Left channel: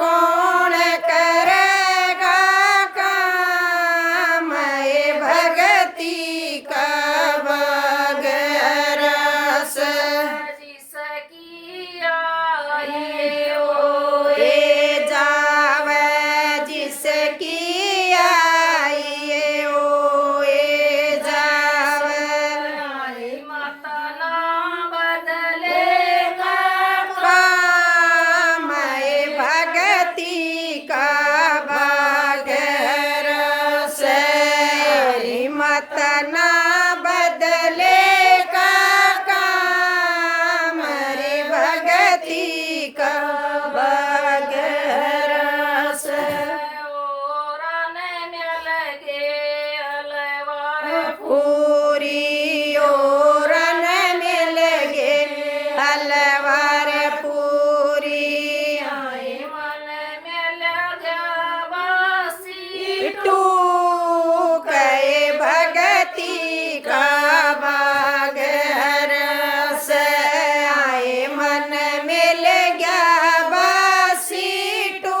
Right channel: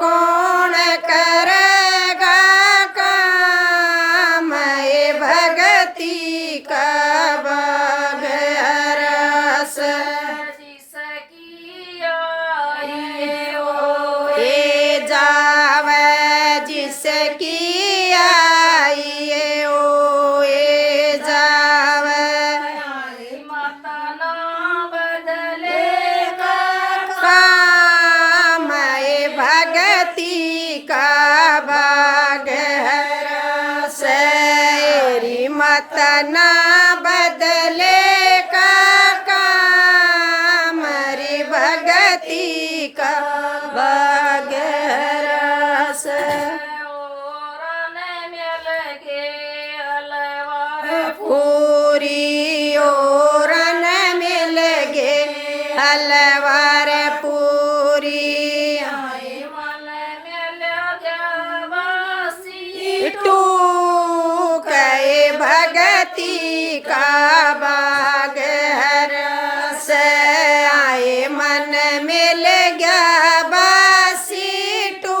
कौन करेगा काम ये भगती का बगैर से जिसकी आए ओ ये जावे जिसकी आइए ओ ये जावे माता ना बदलेगा काम ये भगती का बगैर से मत ना बदले का काम रे भगती का बगैर से ओरन में लगे अलवर पूरी ओरन मिल गे हलवार पूरी मन में लगा वासी टू कहे भगती का बागहर से आए मन मिल गया बासी टू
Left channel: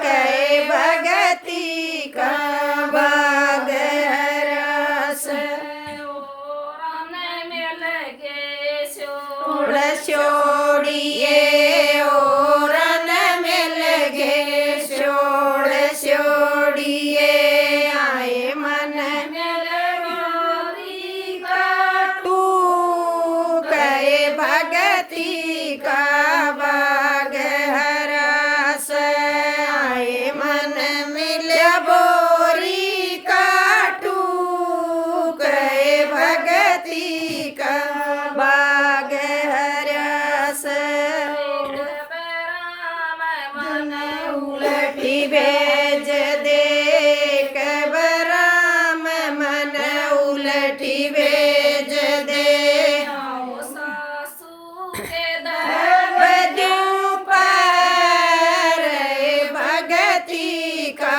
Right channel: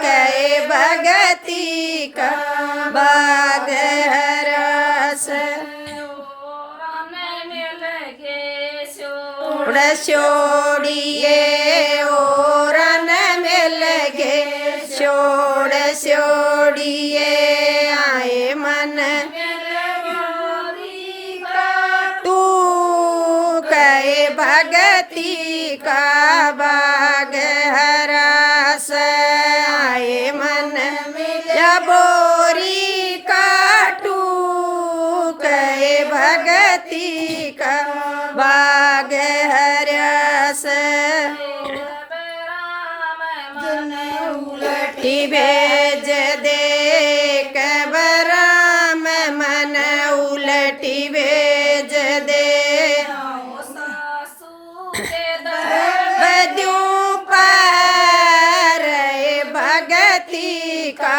कहे भगती का बागहर से ओरन में लगे उड़ छोड़िए ओरन मिल गे छोड़ छोड़िए आए मन टू कहे भगती का बागहर से आए मन मिला बोरी का टू कहे भगती का बागहर से मन उलटी भेज दे कबराम मन उलटी भेज दे सासू के बदू पर भगती का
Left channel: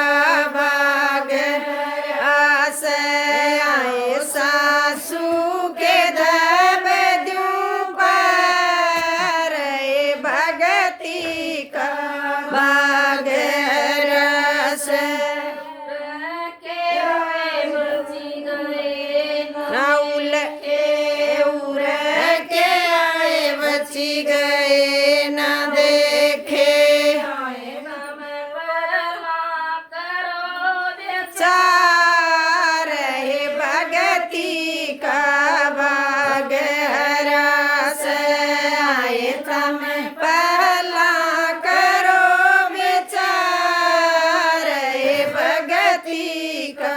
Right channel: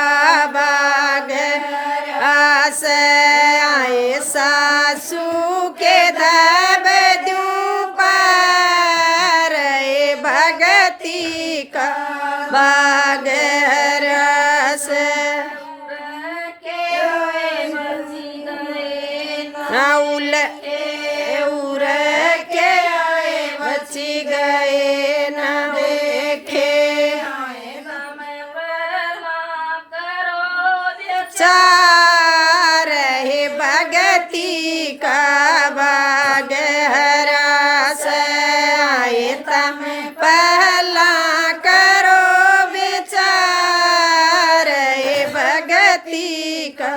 बाग आस आए सासू के दबदू पर भगती का बाग रस उल उर के आए बची गए न देखे चार भगती का बागहर से आए तम पहला करो विचार भगती का